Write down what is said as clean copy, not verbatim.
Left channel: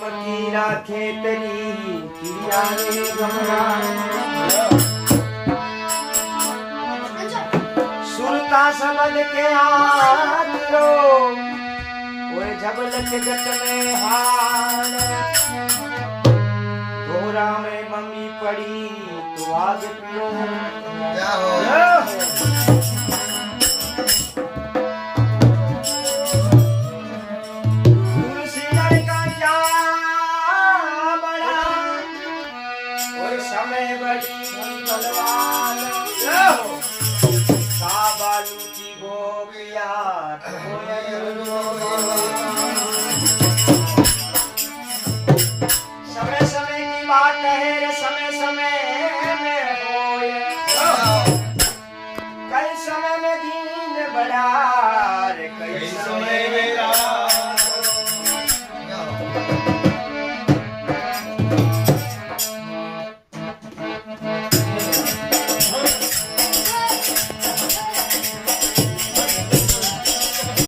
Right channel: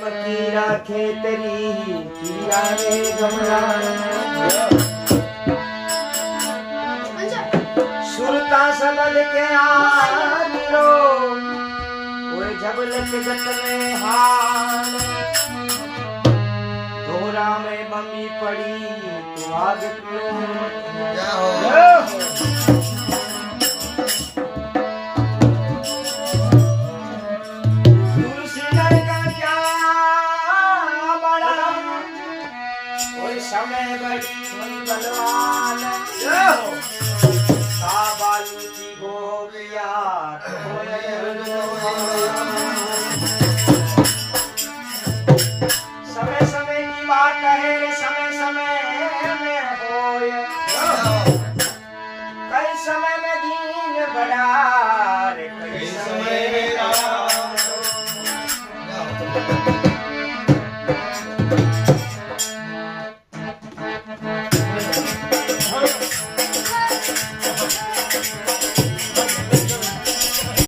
मकी राखे तेरी किया रे गमरा सुरता सबल के आरो ओए जबलक जट में हाल तोरा में मम्मी पड़ी तो आज पियो क्या हो समय बड़ी बलवान बालू की गोपिया समय समय की बात है